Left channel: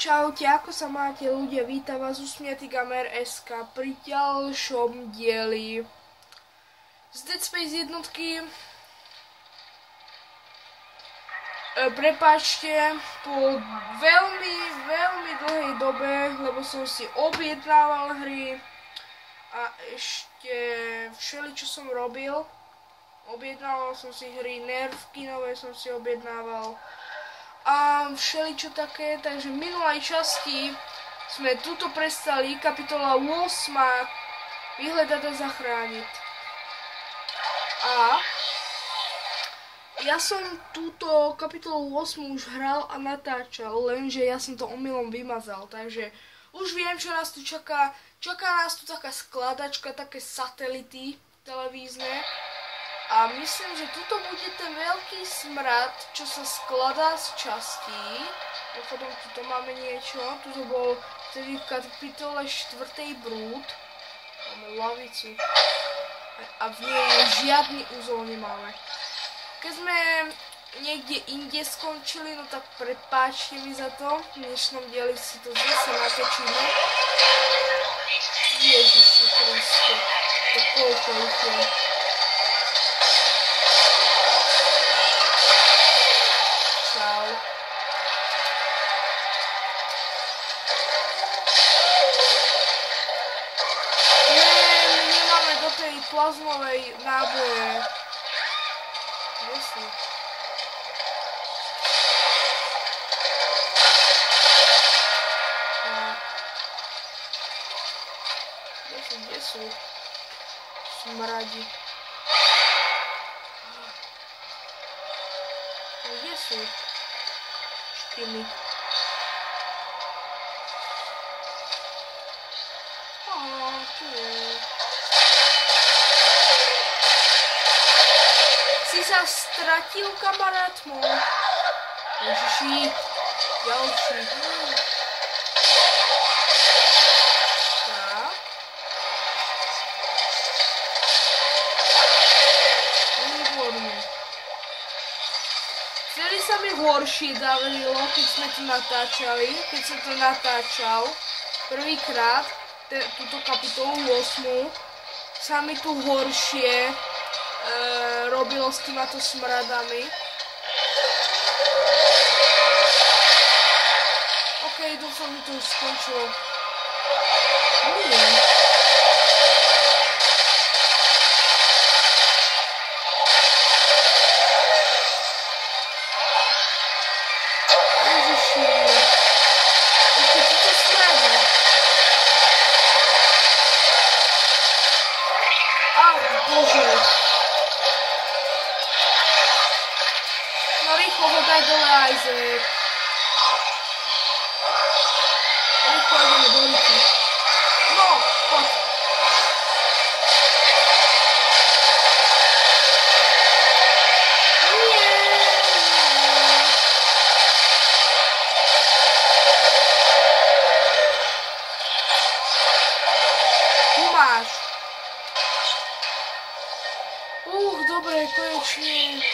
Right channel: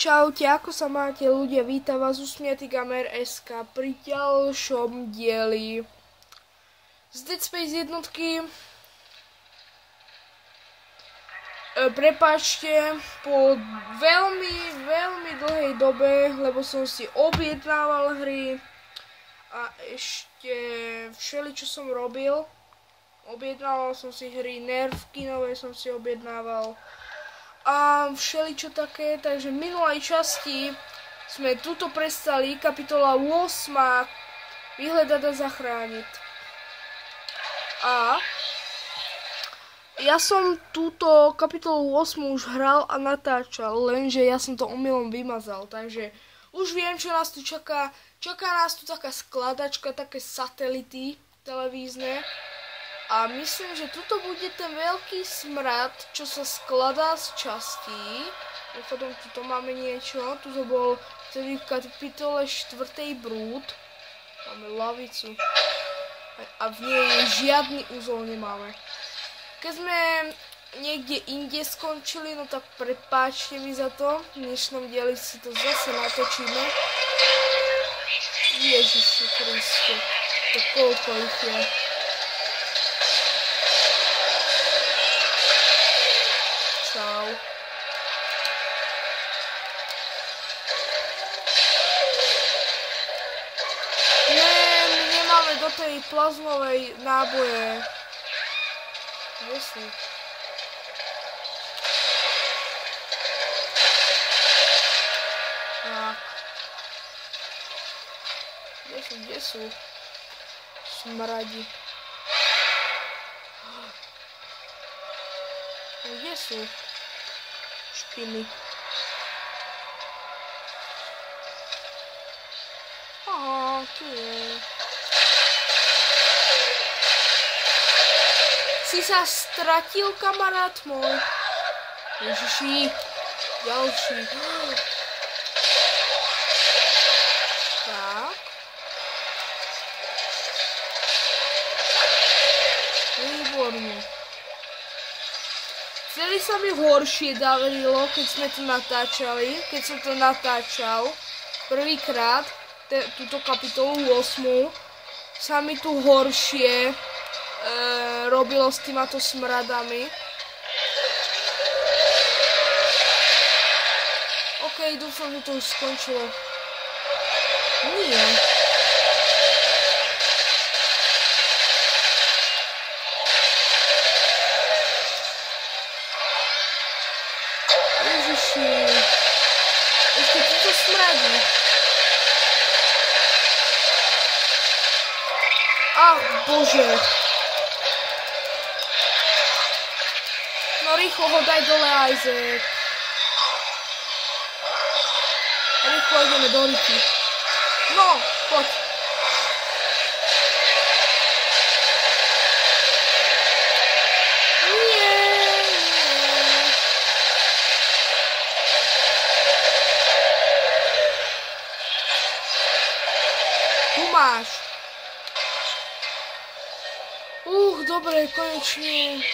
Čaute, ako sa máte ľudia, vítam vás Usmiatý Gamer.sk pri ďalšom dieli z Dead Space jednotky. Prepáčte, po veľmi dlhej dobe, lebo som si objednával hry a ešte všeličo som robil. Objednával som si hry, nervky nové som si objednával a všeličo také, takže v minulej časti sme tuto prestali, kapitola 8, vyhľadať a zachrániť. A ja som túto kapitolu 8 už hral a natáčal, lenže ja som to omylom vymazal, takže už viem, čo nás tu čaká. Čaká nás tu taká skladačka, také satelity televízne. A myslím, že tuto bude ten veľký smrad, čo sa skladá z častí. Potom tuto máme niečo. Tuto bol vtedy v kapitole 4. brúd. Máme lavicu. A v nej žiadny úzol nemáme. Keď sme niekde inde skončili, no tak prepáčte mi za to. V dnešnom dieli si to zase natočíme. Ježiši Kriste. To koľko ich je. Čau. My nemáme do tej plazmovej náboje. Kde sú? Kde sú? Smradi. Kde sú špiny? Aha, tu je. Si sa stratil, kamarát môj? Ježiši, ďalší. Tak. Výborne. Vtedy sa mi horšie darilo, keď sme tu natáčali, keď som to natáčal prvýkrát, túto kapitolu 8, sa mi tu horšie robilo s týmato smradami. OK, dúfam, že to už skončilo. Nie. Ešte túto smradí. Á, bože. No rýchlo ho daj dole, Isaac. Rýchlo ideme do rýky. No, poď. Dobre, konečne.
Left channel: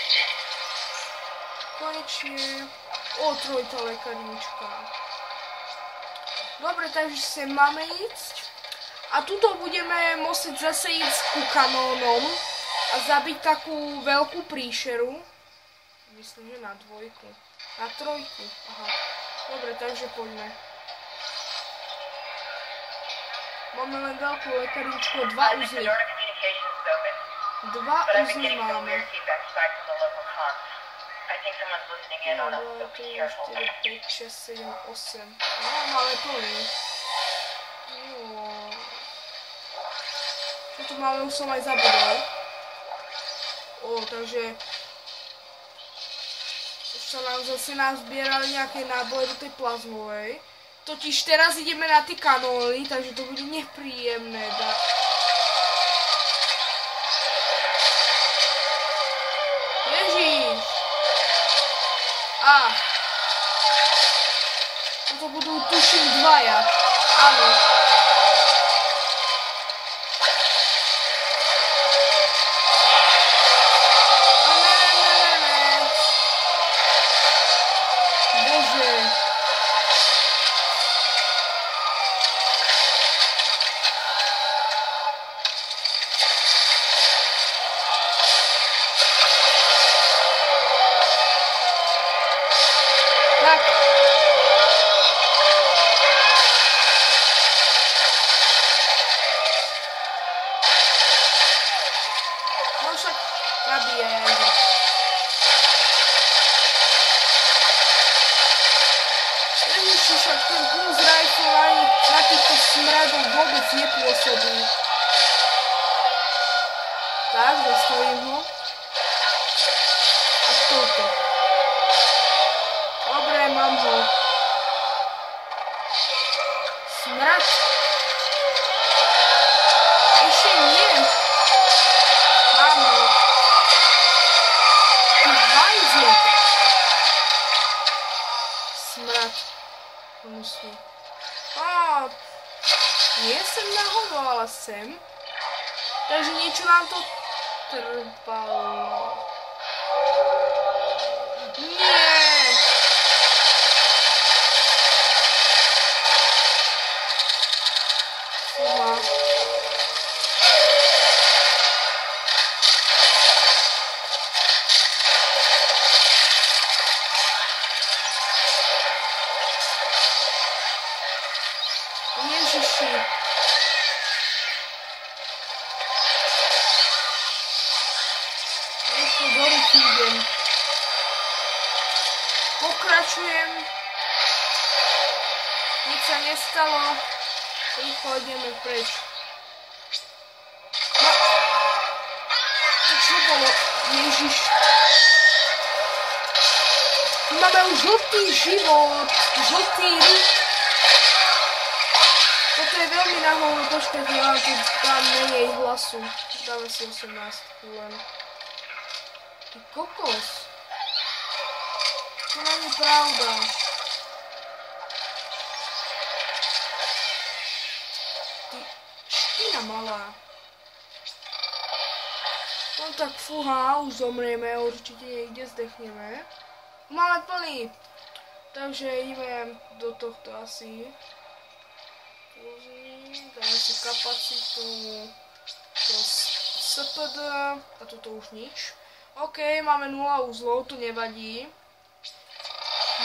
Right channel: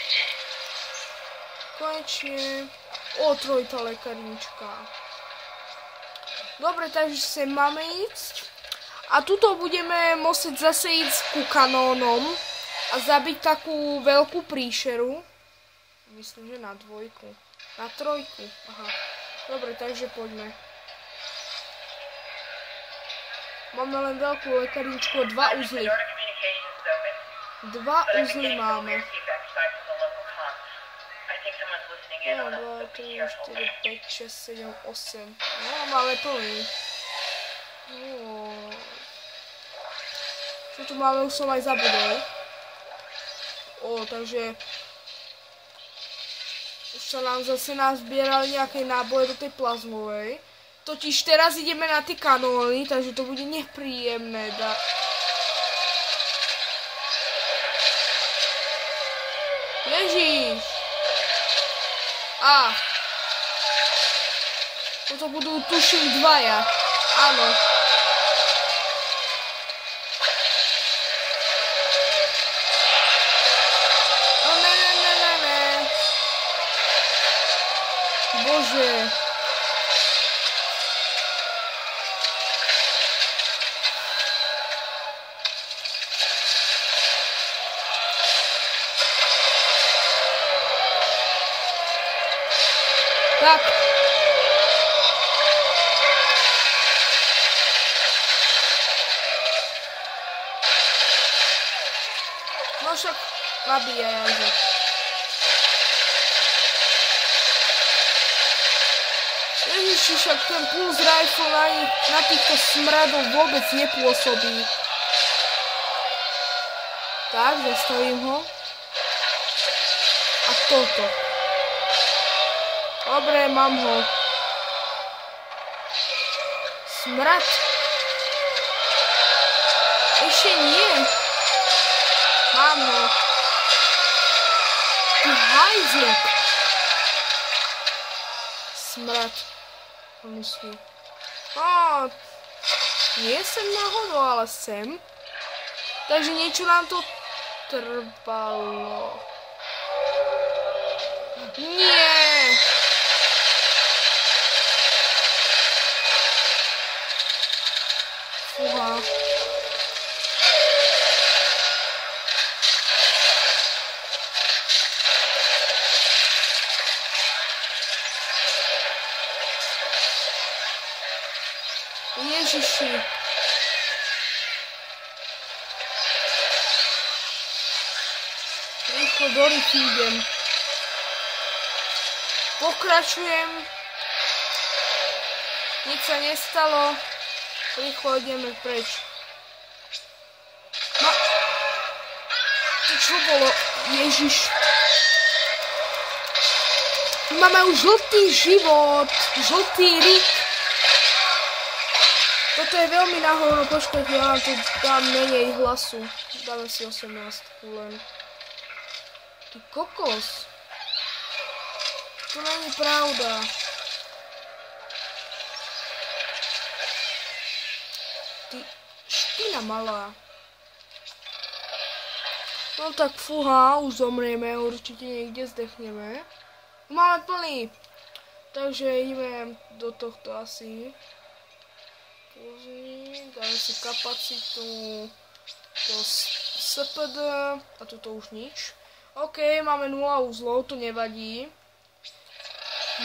O, trojitá lekárnička. Dobre, takže sem máme ísť. A tuto budeme musieť zase ísť ku kanónom a zabiť takú veľkú príšeru. Myslím, že na 2. Na 3. Aha. Dobre, takže poďme. Máme len veľkú lekárničku, 2 uzly. 2 uzly máme. 1, 2, 3, 4, 5, 6, 7, 8. No, máme plný. Čo tu máme, už som aj zabudol. Takže už sa nám zase nazbierali nejaké náboje do tej plazmovej. Totiž teraz ideme na tie kanóny, takže to bude nepríjemné. Ježiš! Toto budú tuším 2. Áno. Ne. Bože. Ježiši, však ten pulse rifle na týchto smradov vôbec nepôsobí. Tak, zastavím ho. A touto. Dobre, mám ho. Smrad. Ešte nie. Mám ho. Ty hajzlík. Smrad. Musí. Nie sem nahoru, ale sem. Takže niečo nám to trvalo. Nie! Fúha. Ježiši. Rýchlo do ruky idem. Pokračujem. Nič sa nestalo. Rýchlo ideme preč. No. To čo bolo? Ježiš. Máme už žltý život. Žltý rik. Toto je veľmi nahovno. Počkajte, ja tu dám menej hlasu. Dáme si 18 len. Ty kokos. To není pravda. Ty ština malá. No tak fúha, už zomrieme, určite niekde zdechneme. Máme plný. Takže ideme do tohto asi. Dáme si kapacitu. To SPD. A toto už nič. OK, máme 0 uzlov, to nevadí.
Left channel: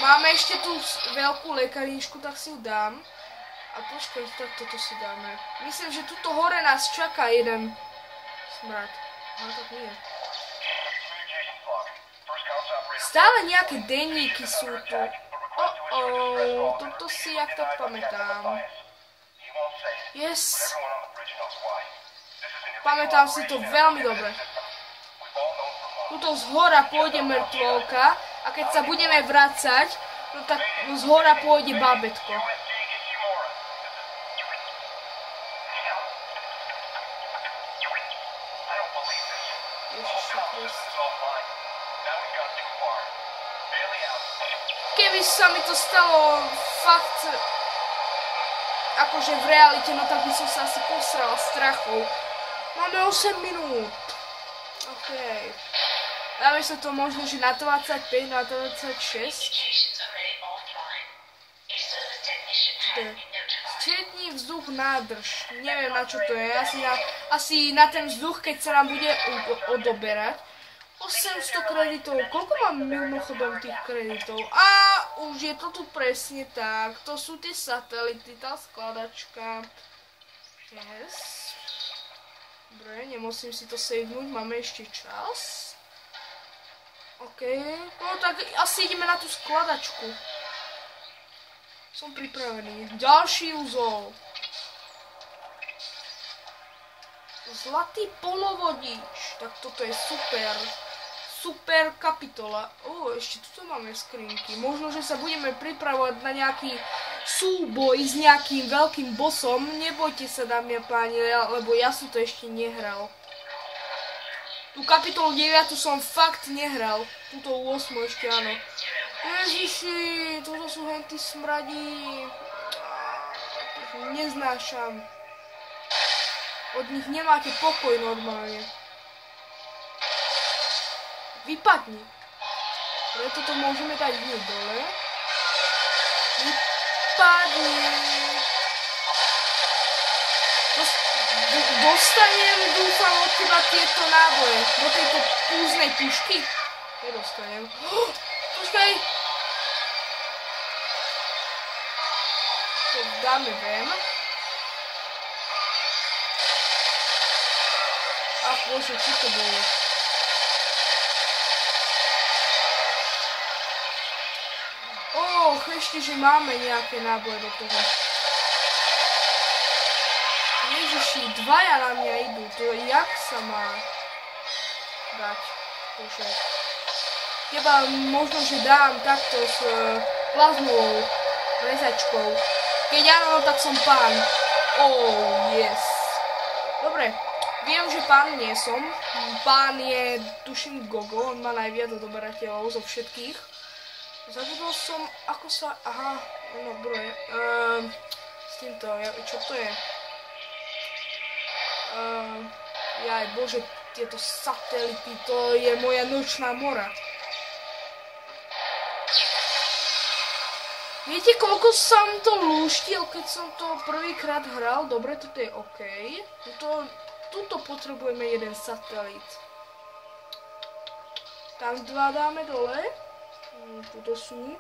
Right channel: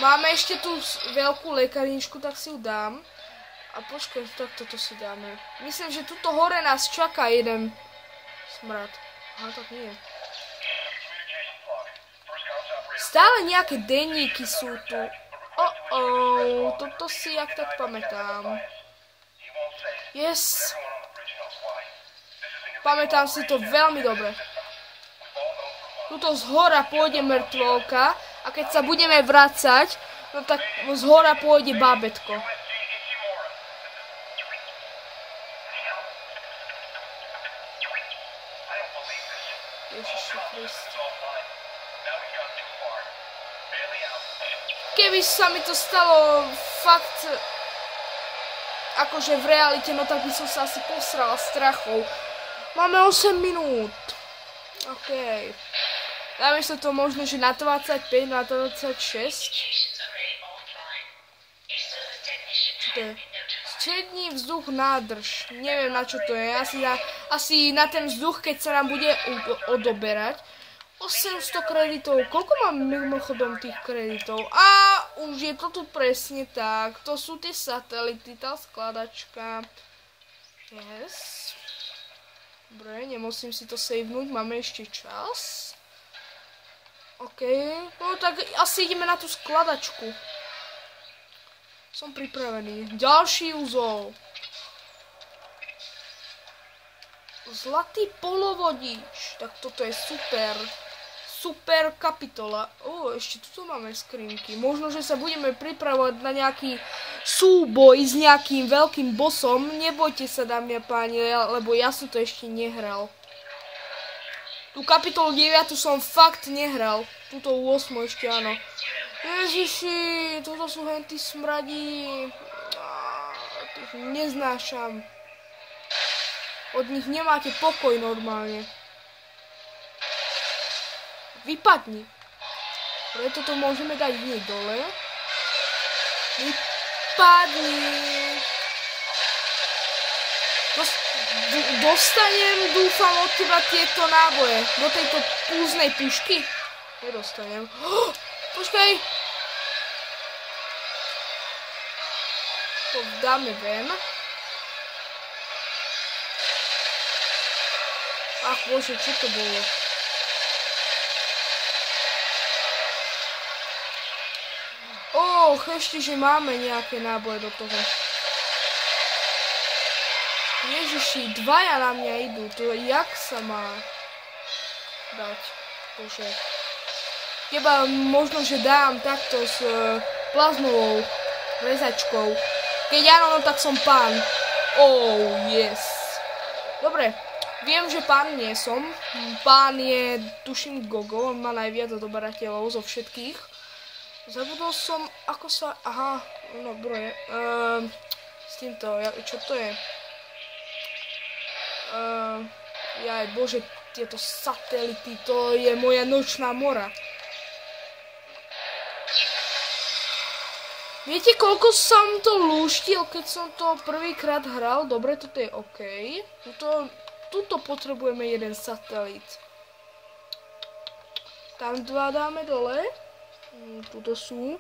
Máme ešte tú veľkú lekárničku, tak si ju dám. A počkaj, tak toto si dáme. Myslím, že tuto hore nás čaká jeden smrad. No tak nie. Stále nejaké denníky sú tu. Toto si jak tak pamätám. Yes. Pamätám si to veľmi dobre. Tuto zhora pôjde mŕtvolka a keď sa budeme vracať, no tak zhora pôjde bábätko. Ježiši Kriste. Keby sa mi to stalo fakt akože v realite, no tak by som sa asi posrala strachov. Máme 8 minút. Okej. Dáme sa to možno, že na 25, na 26. Čo to je? Stredný vzduch nádrž. Neviem, na čo to je. Asi na ten vzduch, keď sa nám bude odoberať. 800 kreditov. Koľko mám mimochodom tých kreditov? A už je to tu presne tak. To sú tie satelity, tá skladačka. Yes. Dobre, nemusím si to savenúť. Máme ešte čas. OK, no tak asi ideme na tú skladačku. Som pripravený. Ďalší úzol. Zlatý polovodič. Tak toto je super. Super kapitola. Ešte tu máme skrinky. Možno, že sa budeme pripravovať na nejaký súboj s nejakým veľkým bossom. Nebojte sa, dámy a páni, lebo ja som to ešte nehral. Tú kapitolu 9 som fakt nehral. Túto 8 ešte áno. Ježiši, toto sú henty smradí. Tých neznášam. Od nich nemáte pokoj normálne. Vypadni. Preto to môžeme dať hneď dole. Vypadni. Dostanem, dúfam, od teba tieto náboje. Do tejto púznej pušky. Nedostanem. Počkaj. To dáme ven. Ach bože, čo to bolo? ešte, že máme nejaké náboje do toho. Ježiši, dvaja na mňa idú, to jak sa má dať? Bože. Teba možno, že dám takto s plazmovou rezačkou. Keď áno, tak som pán. Oh, yes. Dobre, viem, že pán nie som. Pán je, tuším, Gogo, on má najviac odoberateľov zo všetkých. Zabudol som, ako sa... Aha, no, broje. S týmto, čo to je? Jaj, bože, tieto satelity, to je moja nočná mora. Viete, koľko som to lúštil, keď som to prvýkrát hral? Dobre, toto je OK. Tuto potrebujeme jeden satelit. Tam dva dáme dole. Tuto sú.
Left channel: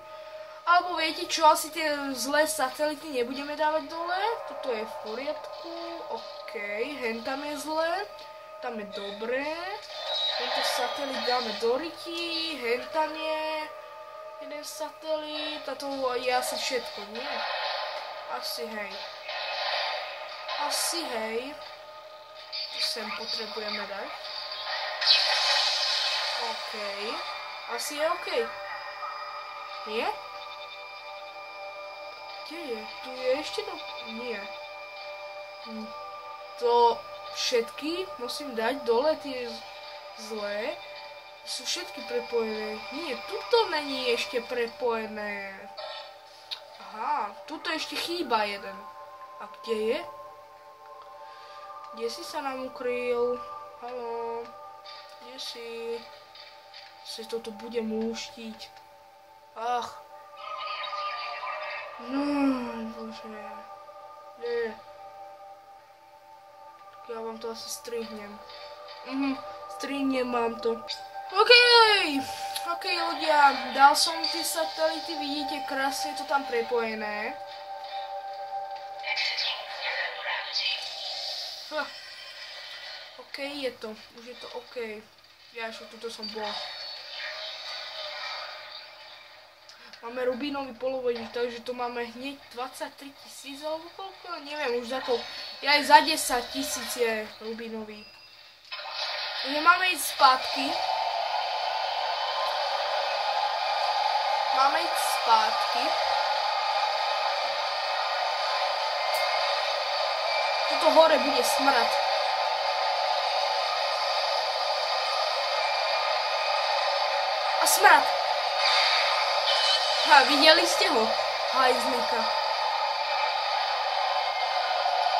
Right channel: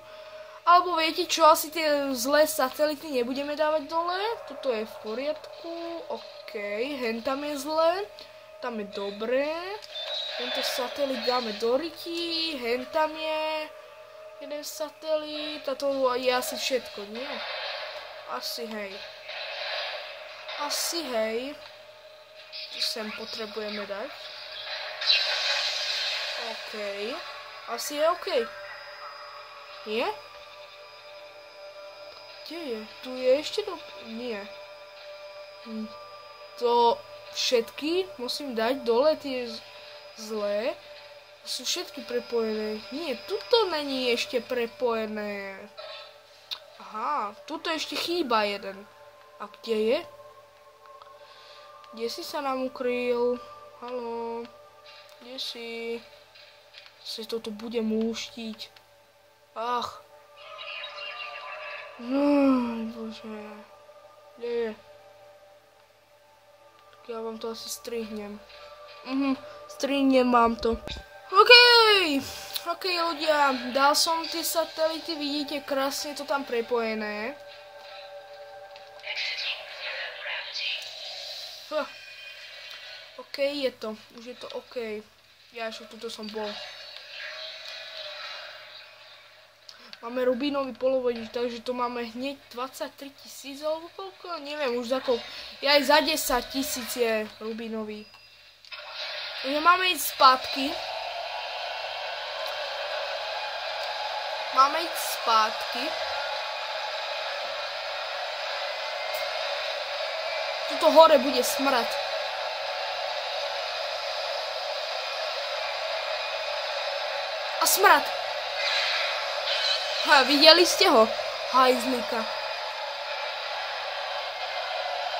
Alebo viete čo, asi tie zlé satelity nebudeme dávať dole. Toto je v poriadku. OK, hen tam je zlé. Tam je dobré. Tento satelit dáme do ryti. Hen tam je jeden satelit. A to je asi všetko, nie? Asi hej. Asi hej. To sem potrebujeme dať. OK. Asi je OK. Nie? Kde je? Tu je ešte to... Nie. To všetky musím dať dole, tie zlé. Sú všetky prepojené. Nie, tuto není ešte prepojené. Aha, tuto ešte chýba jeden. A kde je? Kde si sa nám ukryl? Haló? Kde si? Si toto budem lúštiť. Ach. Bože. Kde je? Tak ja vám to asi strihnem. Strihnem mám to. OK, ľudia, dal som tie satelity, vidíte, krásne to tam prepojené. OK, je to, už je to OK. Ja ešte tuto som bol. Máme rubínový polovodič, takže to máme hneď 23 000, koľko? Neviem, už za to. Ja aj za 10 000 je rubínový. Takže máme ísť spátky. Máme ísť spátky. Tuto hore bude smrad. A smrad. Ha, videli ste ho? Hajzlíka.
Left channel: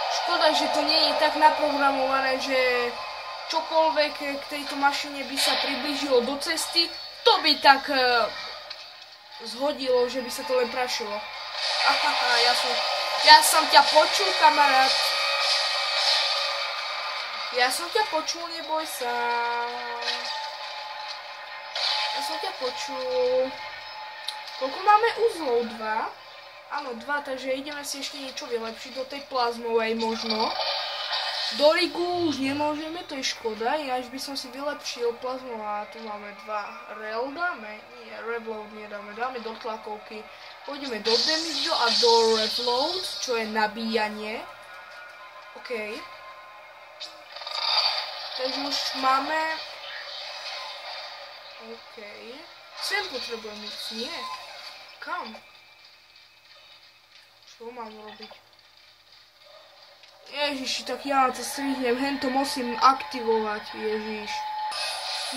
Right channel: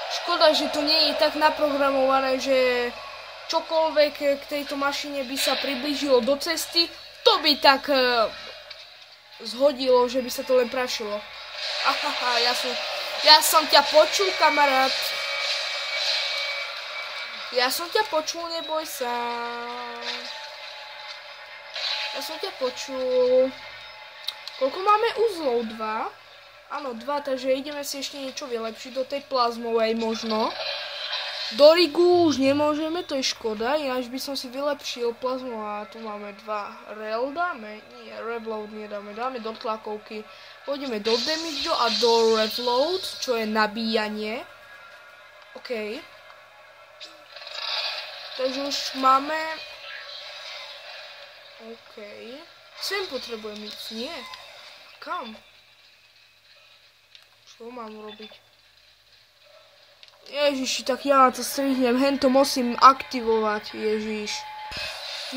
Škoda, že to nie je tak naprogramované, že čokoľvek k tejto mašine by sa priblížilo do cesty, to by tak zhodilo, že by sa to len prašilo. Ahaha, ja som ťa počul, kamarát. Ja som ťa počul, neboj sa. Ja som ťa počul. Koľko máme uzlov? 2? Áno, 2, takže ideme si ešte niečo vylepšiť do tej plazmovej možno. Do rigu už nemôžeme, to je škoda, ináč by som si vylepšil plazmová. Tu máme 2 rel, dáme? Nie, reload nedáme, dáme do tlakovky. Pôjdeme do damage a do reload, čo je nabíjanie. OK. Takže už máme... OK. Sem potrebujem ísť, nie? Kam? Čo mám robiť? Ježiši, tak ja to strihnem, hento musím aktivovať, ježiš.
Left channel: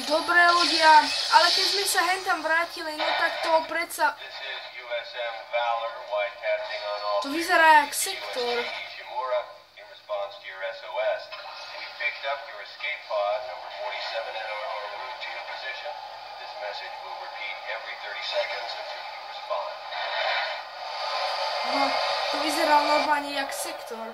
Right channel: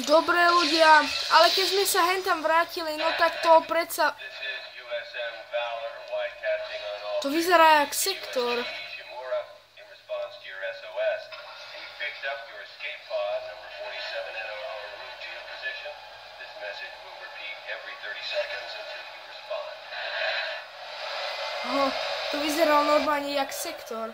Dobre ľudia, ale keď sme sa hentam vrátili, no tak to predsa... To vyzerá jak sektor. No, to vyzerá normálne jak sektor.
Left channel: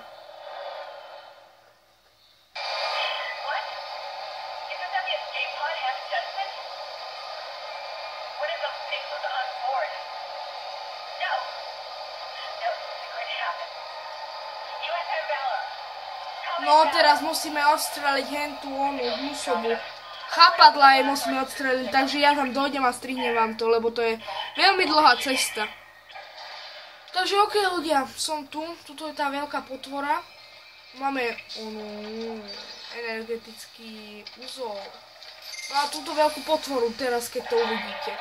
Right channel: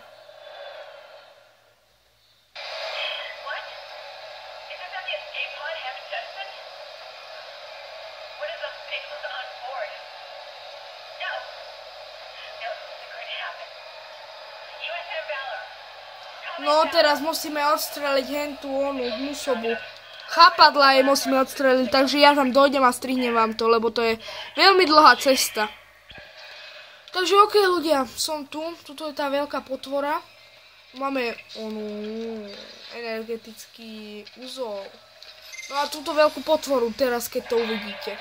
No teraz musíme odstreliť hentú onu hnusobu. Chápadla jej musíme odstreliť, takže ja tam dojdem a strihnem vám to, lebo to je veľmi dlhá cesta. Takže ok ľudia, som tu. Tuto je tá veľká potvora. Máme energetický úzol. No a túto veľkú potvoru teraz, keď to uvidíte.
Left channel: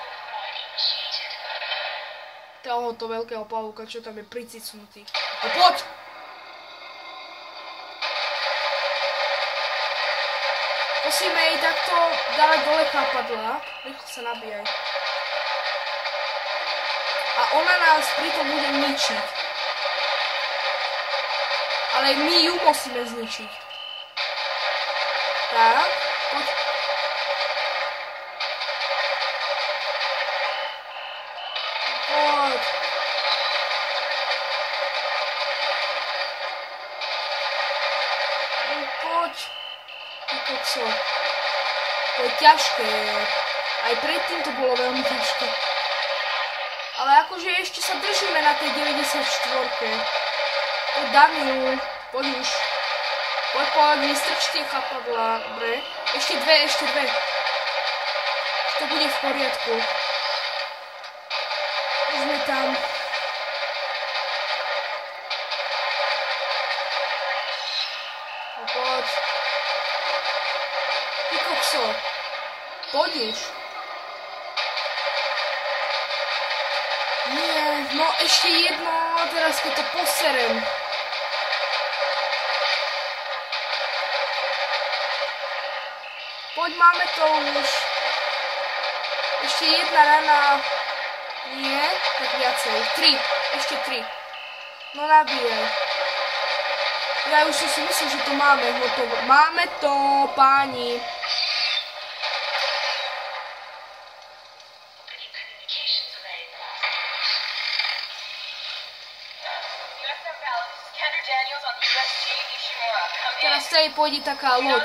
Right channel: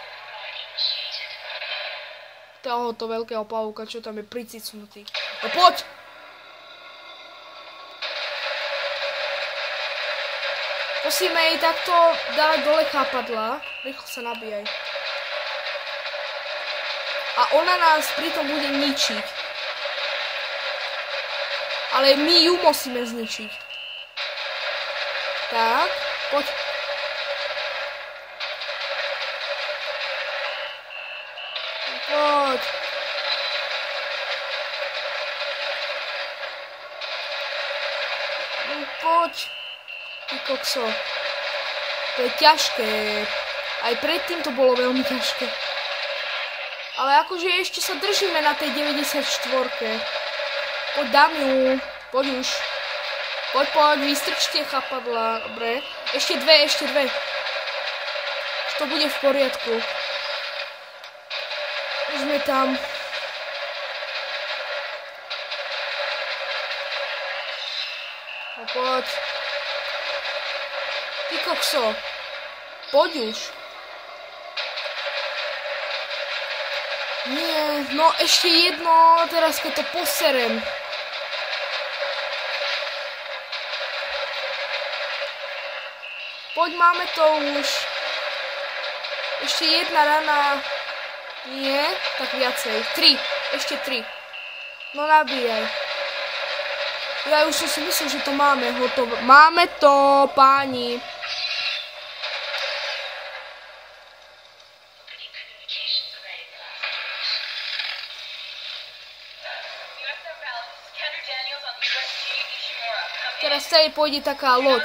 Tohoto veľkého pavúka, čo tam je pricicnutý. No poď! Musíme jej takto dávať dole chápadlá. Rýchlo sa nabíjaj. A ona nás pritom bude ničiť. Ale my ju musíme zničiť. Tak, poď. Poď. Poď. Ty kokso. To je ťažké. Aj predtým to bolo veľmi ťažké. Ale akože ešte sa držíme na tej 94. Poď dám ju. Poď už. Poď, vystrčte chápadla. Dobre. Ešte dve. To bude v poriadku. Už sme tam. No poď. Ty kokso. Poď už. Nie, no ešte jedno, teraz keď to poserem. Poď, máme to už. Ešte jedna rana. Nie, tak viacej. 3, ešte 3. No nabíjaj. Ja už som si myslel, že to máme hotovo. Máme to, páni. Teraz sa jej pôjde taká loď.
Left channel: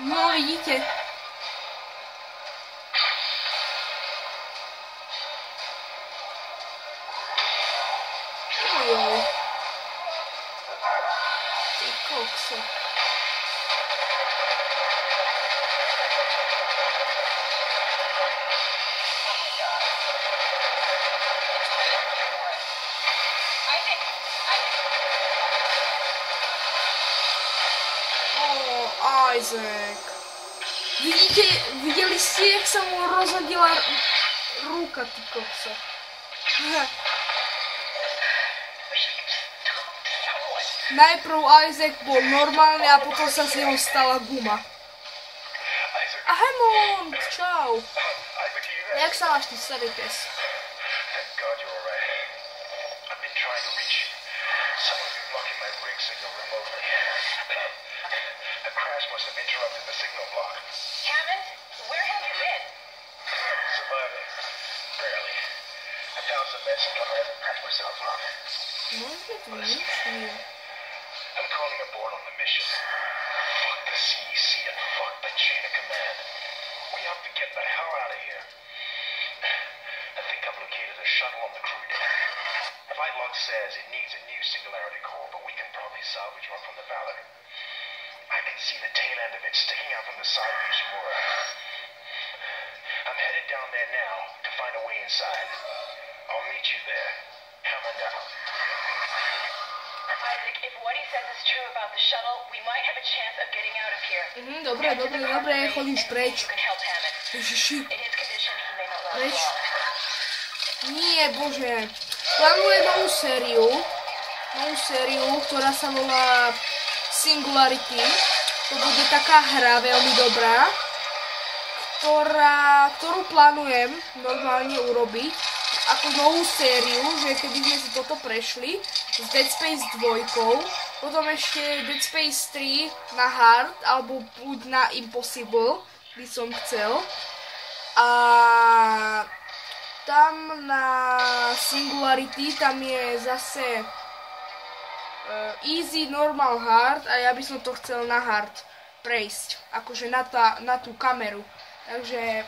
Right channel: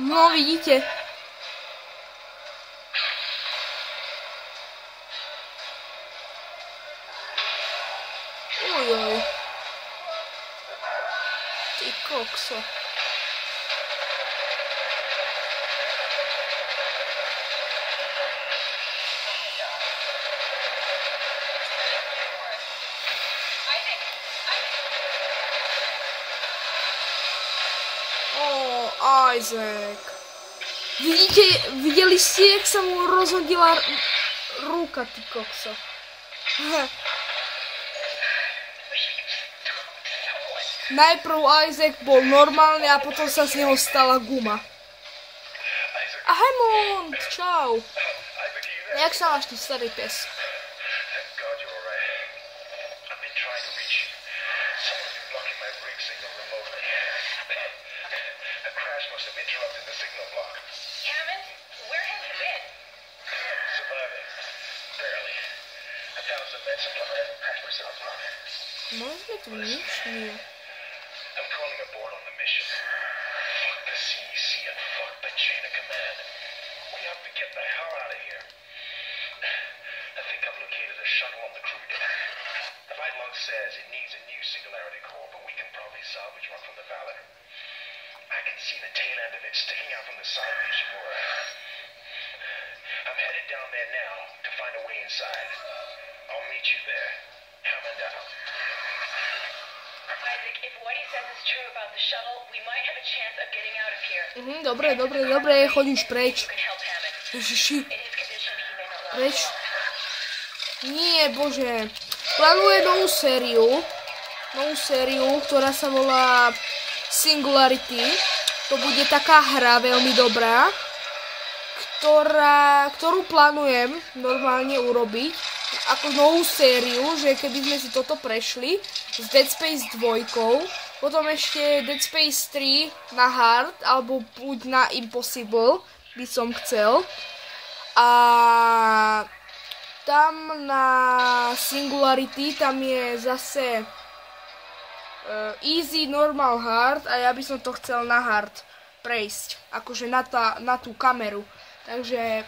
No, vidíte. Ujoj. Ty kokso. Isaac. Videli ste, jak sa mu rozhodila ruka, ty kokso. Najprv Isaac bol normálny a potom sa z neho stala guma. A Hammond, čau. Jak sa máš, ty starý pes? Môžeme tu nič? Nie. I'm calling aboard on the mission. Fuck the CEC and fuck the chain of command. We have to get the hell out of here. I think I've located a shuttle on the crew deck. The flight log says it needs a new singularity core, but we can probably salvage one from the Valor. I can see the tail end of it sticking out from the side of Ishimura. I'm headed down there now to find a way inside. I'll meet you there. Hammond out. Isaac, if what he says is true about the shuttle, we might have a chance of getting out of here. Dobre, choď už preč. Ježiši. Preč. Nie, bože. Plánuje novú sériu, ktorá sa volá Singularity. To bude taká hra veľmi dobrá, ktorú plánujem normálne urobiť ako novú sériu, že kedy sme si toto prešli s Dead Space 2, potom ešte Dead Space 3 na hard, alebo buď na impossible by som chcel. A tam na Singularity, tam je zase easy, normal, hard a ja by som to chcel na hard prejsť, akože na tú kameru. Takže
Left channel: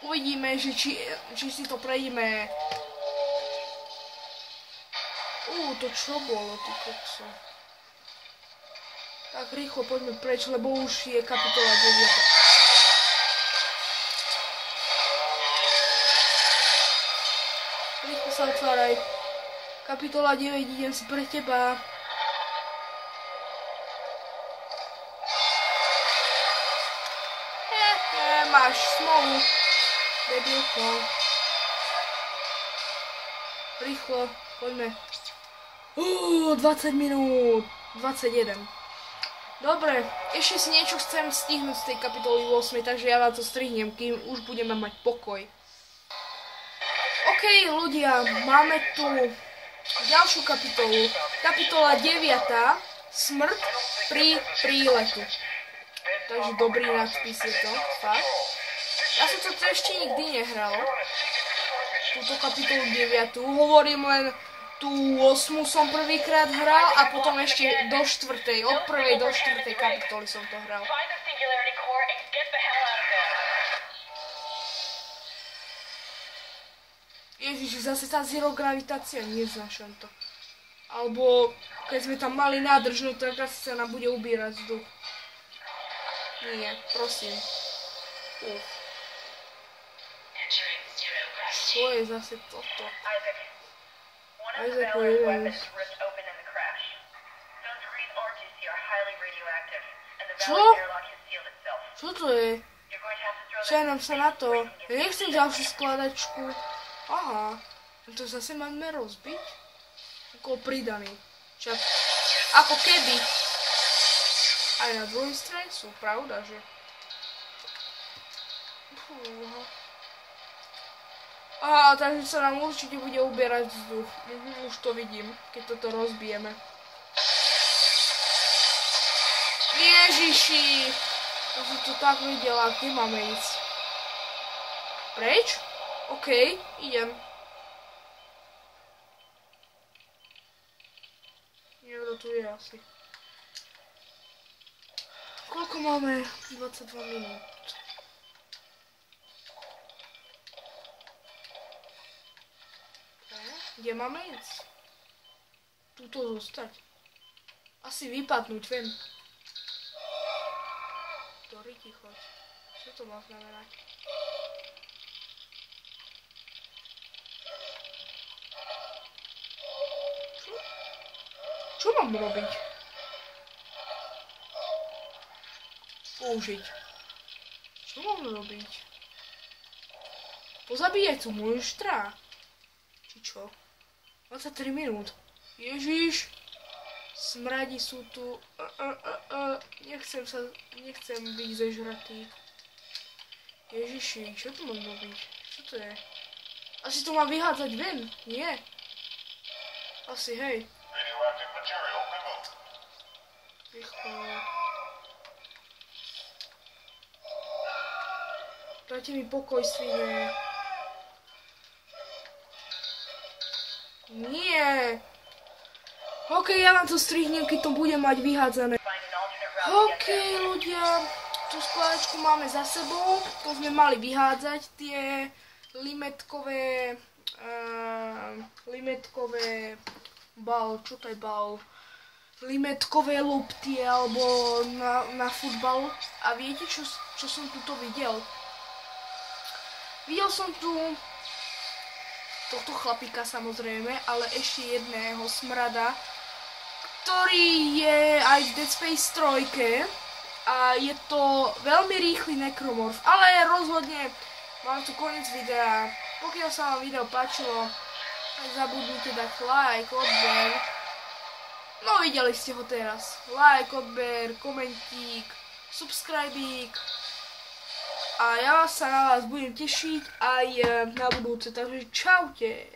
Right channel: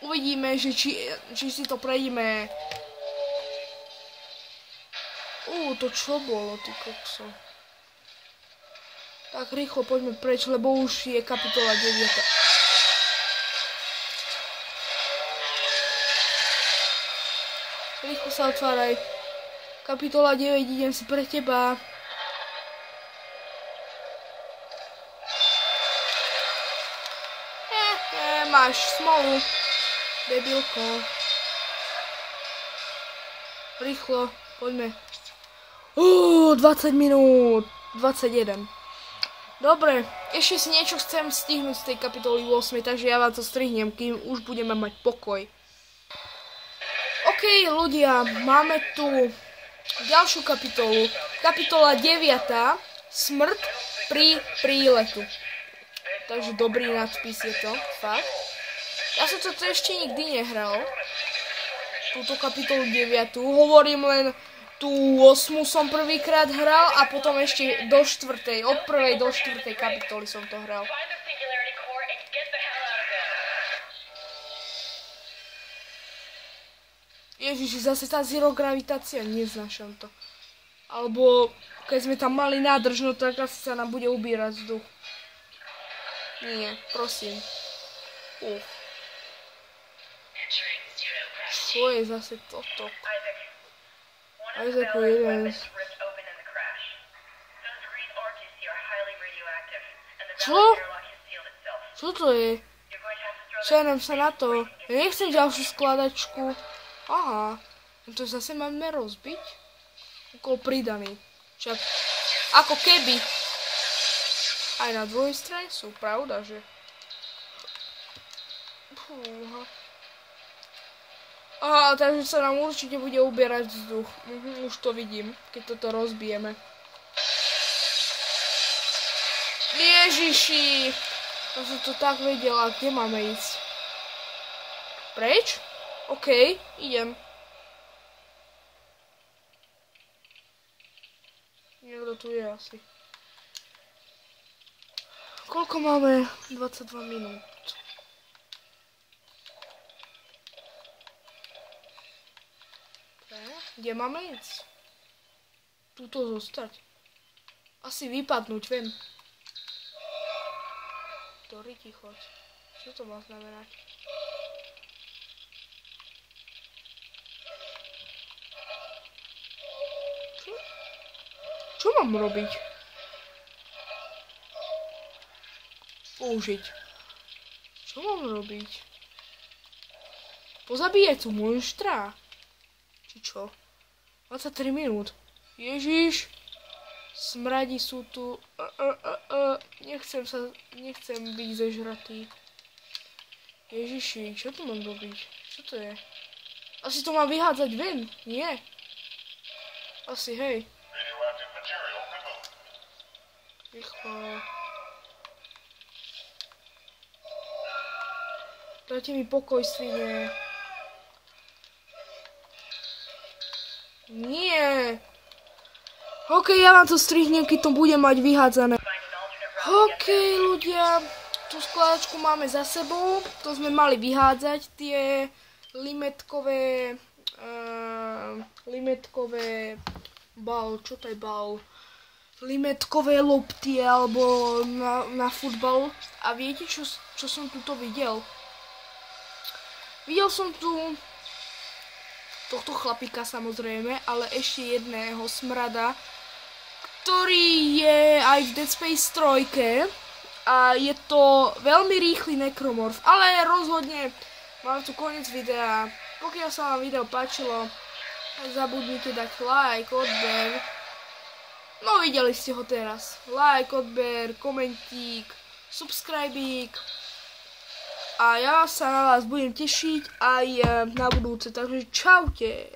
uvidíme, že či si to prejdeme. To čo bolo, ty kokso? Tak rýchlo poďme preč, lebo už je kapitola 9. Rýchlo sa otváraj. Kapitola 9, idem si pre teba. Máš smolu. Debilko. Rýchlo, poďme. 20 minút. 21. Dobre, ešte si niečo chcem stihnúť z tej kapitoly 8, takže ja vám to strihnem, kým už budeme mať pokoj. OK, ľudia, máme tu ďalšiu kapitolu. Kapitola 9. Smrť pri príletu. Takže dobrý nadpis je to, fakt. Ja som to ešte nikdy nehral. Túto kapitolu 9. Hovorím len tú 8 som prvýkrát hral a potom ešte do 4. Od 1. do 4. kapitoly som to hral. Ježiš, zase tá zero gravitácia, neznášam to. Alebo keď sme tam mali nádrž, no tak asi sa nám bude ubírať vzduch. Nie, prosím. Čo je zase toto? Isaac, jeden. Čo? Čo to je? Černem sa na to. Ja nechcem ďalšiu skladačku. Aha. To zase máme rozbiť? Ako pridaný. Však ako keby. Aj na druhej strane sú, pravda, že? Aha, takže sa nám určite bude ubierať vzduch. Už to vidím, keď toto rozbijeme. Ježiši! Ja som to tak vedela, kde máme ísť? Preč? OK, idem. Niekto tu je asi. Koľko máme? 22 minút. Kde máme ísť? Tuto zostať. Asi vypadnúť, viem. Ktorý ti choď? Čo to má znamenať? Čo mám robiť? Použiť. Čo mám robiť? Pozabíjať tú monštra? Či čo? 23 minút. Ježiš. Smradi sú tu. Nechcem byť zežratý. Ježiši, čo tu mám robiť? Čo to je? Asi to mám vyhádzať ven, nie? Asi, hej. Rýchlo. Dajte mi pokoj, svine. Nie. OK, ja vám to strihnem, keď to bude mať vyhádzané. OK, ľudia. Tú skladačku máme za sebou. To sme mali vyhádzať. Tie limetkové čo to je bal? Limetkové lopty alebo na futbal. A viete, čo som tuto videl? Videl som tu tohto chlapíka samozrejme, ale ešte jedného smrada, ktorý je aj v Dead Space 3 a je to veľmi rýchly nekromorf, ale rozhodne mám tu koniec videa. Pokiaľ sa vám video páčilo, zabudnite dať like, odber. No videli ste ho teraz. Like, odber, komentík, subscribík. A ja sa na vás budem tešiť aj na budúce, takže čaute.